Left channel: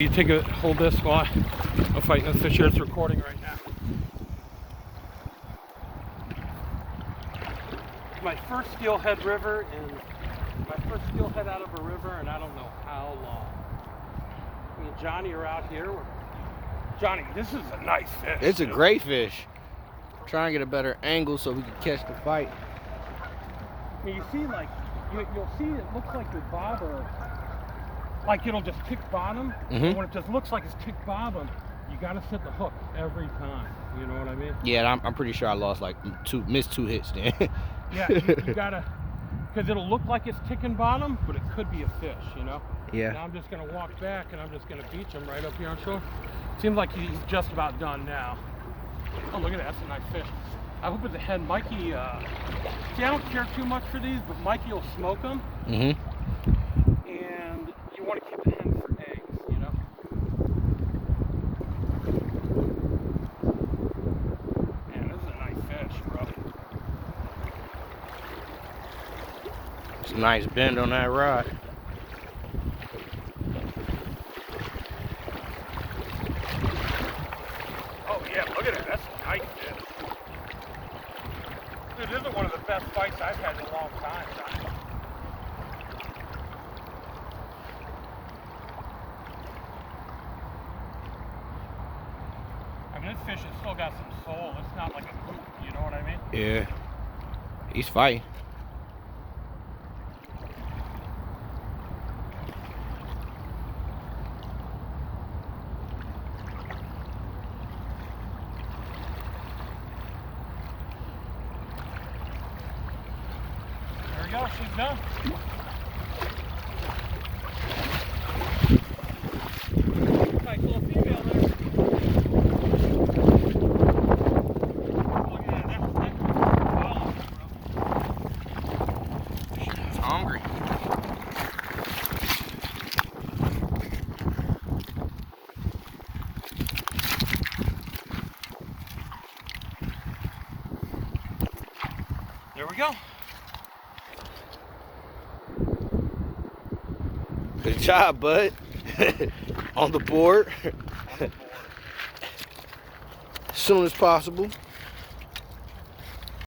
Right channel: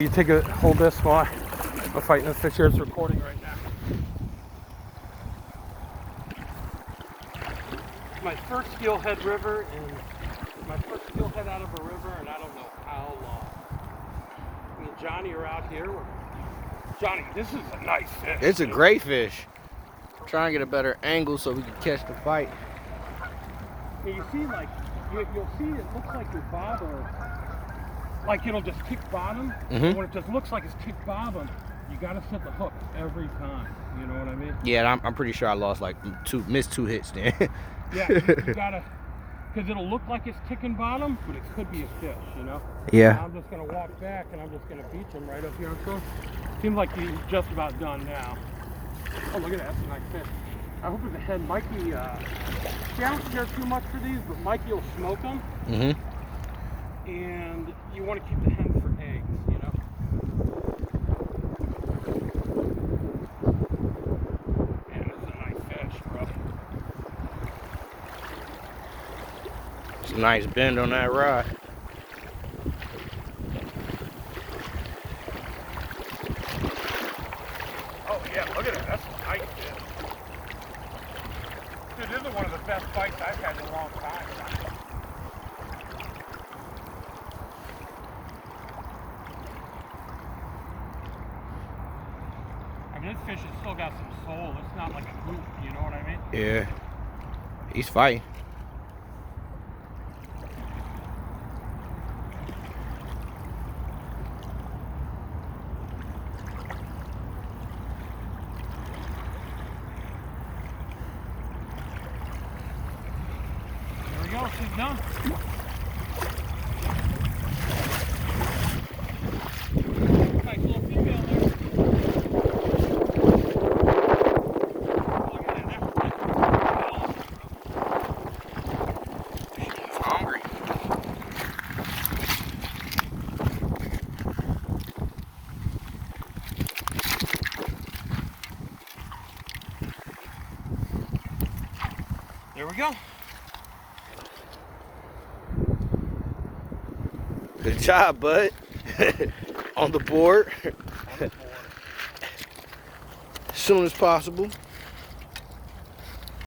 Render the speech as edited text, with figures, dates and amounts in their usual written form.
You hold this while I'm fighting the fish here. It's recording right now. It's my first steelhead river and my first steelhead out of a river, and I don't know how long. Me and Johnny are out here. Johnny, this is a nice fish. It's a great fish. Try and get a better angle so we can catch the fight. You see, like, you'll see it looks like the bobber, like it'll just tick bottom. And when it just looks like it's tick bottom, you gotta set the hook every time. You know what I mean? Yeah, I'm pretty sure I lost like missed two hits then. Yeah, you gotta, because it'll look like it's ticking bottom, but it could be a fish, you know? Yeah. And I'm just gonna walk back and I'm just gonna beach him right up here on shore. Seems like he's just about done now. Oh, look at that, that's a nice fish. I hope it's a head. Mikey, see, I don't care too much for these, but Mikey will smoke them. And you want to keep the hen for eggs, you know? Man, this is a nice fish, bro. It's a nice bend on that rod. Oh, yeah, look at it. That's a nice fish. Dude, this is one of the best fights I've had in a long time, Johnny. I mean, this fish has still got some soul. It's not like a hoop, you know what I mean? Yeah. He's fighting. There we go, she's done. Nice little female there. Hungry. There we go. Good job, bud. On the board. As soon as possible.